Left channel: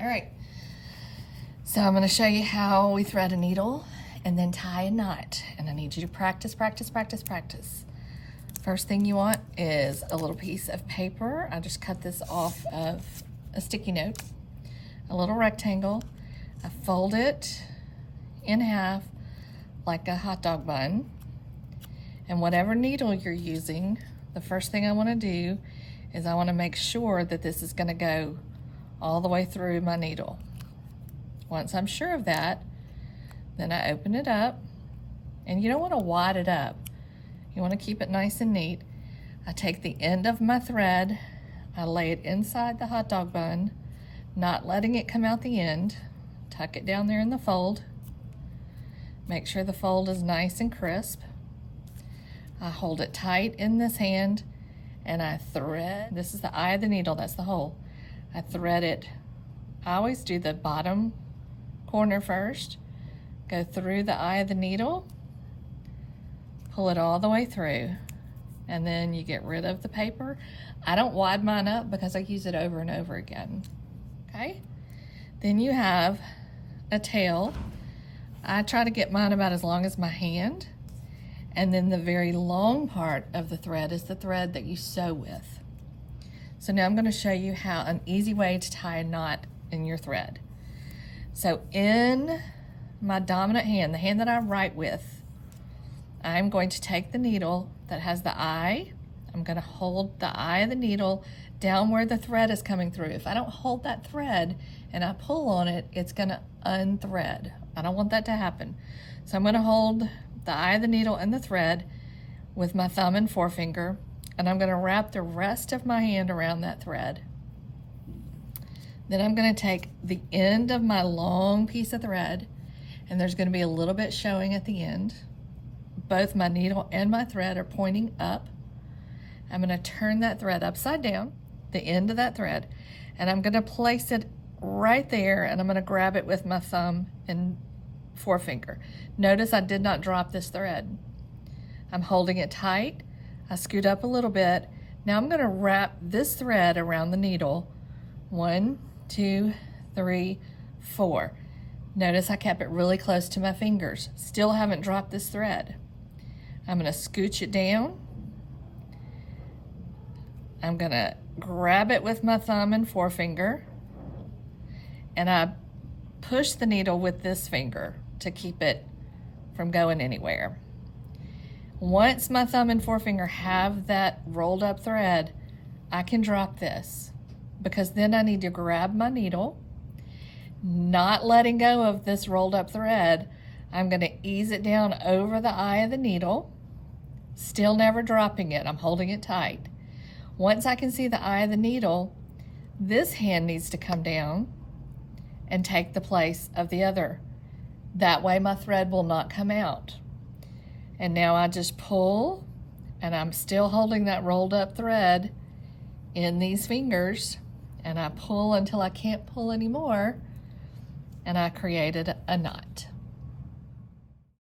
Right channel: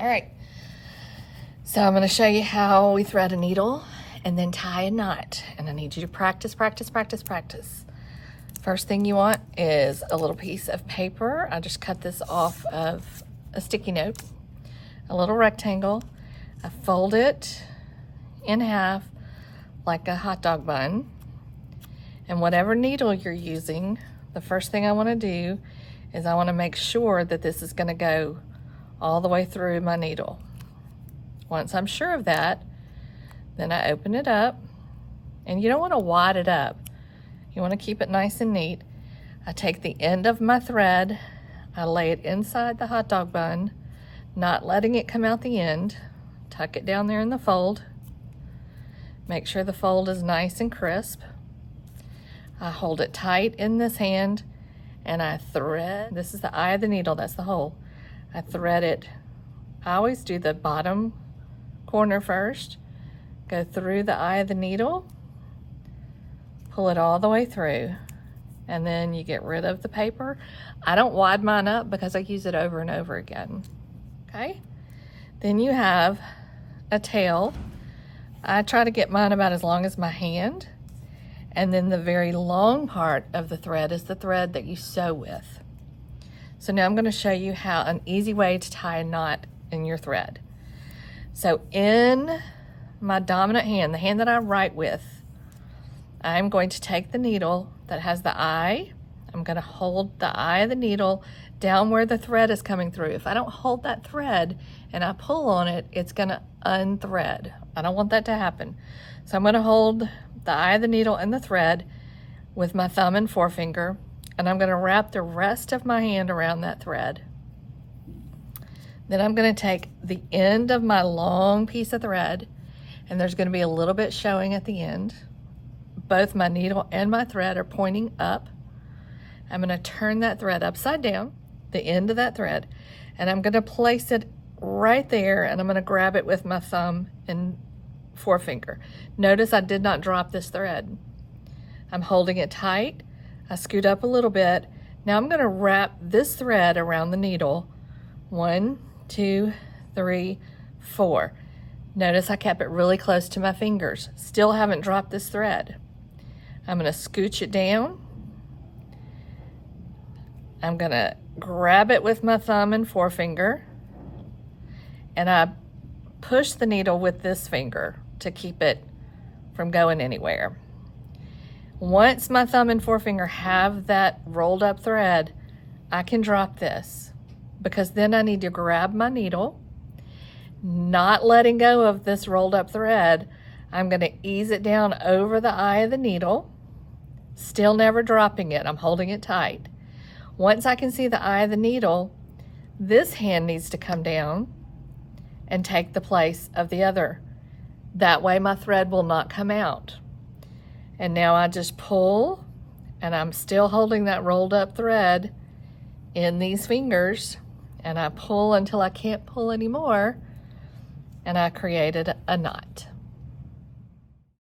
All right, so I'm gonna show you how we thread a needle and then tie a knot. And I need you to practice, practice, practice, practice. First thing you want is a little piece of paper. I just cut this off of a sticky note, a little rectangle. I fold it in half like a hot dog bun. And whatever needle you're using, the first thing I wanna do is I wanna make sure that this is gonna go all the way through my needle. Once I'm sure of that, then I open it up, and you don't wanna wad it up. You wanna keep it nice and neat. I take the end of my thread, I lay it inside the hot dog bun, not letting it come out the end, tuck it down there in the fold, make sure the fold is nice and crisp. I hold it tight in this hand, and I thread, this is the eye of the needle, that's the hole. I thread it, I always do the bottom corner first, go through the eye of the needle, pull it all the way through, and then you get rid of the paper. I don't wad mine up because I use it over and over again, okay? Then you have a tail. I try to get mine about as long as my hand, and then the very long part of the thread is the thread that you sew with. So now I'm going to show you how an easy way to tie a knot in your thread. So in my dominant hand, the hand that I write with, I'm going to take the needle that has the eye. I'm going to hold the eye of the needle down where the thread is coming through. If I don't hold that thread and I pull on it, it's going to unthread. I don't want that to happen. So I'm going to hold the eye of the needle and the thread with my thumb and forefinger, and I'm going to wrap the rest of my hand around that thread. Then I'm going to take the end of my long piece of thread, and there's going to be a little bit showing at the end. Both my needle and my thread are pointing up. I'm going to turn that thread upside down, the end of that thread, and I'm going to place it right there, and I'm going to grab it with my thumb and forefinger. Notice I did not drop this thread. I'm holding it tight. I scoot up a little bit. Now I'm going to wrap this thread around the needle. 1, 2, 3, 4. Notice I kept it really close to my fingers. Still haven't dropped this thread. I'm going to scooch it down. I'm going to grab it with my thumb and forefinger, and I push the needle with this finger to keep it from going anywhere. Once my thumb and forefinger have that rolled up thread, I can drop this, because then I need to grab my needle, not letting go of this rolled up thread. I'm going to ease it down over the eye of the needle, still never dropping it. I'm holding it tight. Once I can see the eye of the needle, this hand needs to come down and take the place of the other. That way my thread will not come out. And now I just pull, and I'm still holding that rolled up thread in these fingers, and I pull until I can't pull anymore, and I created a knot.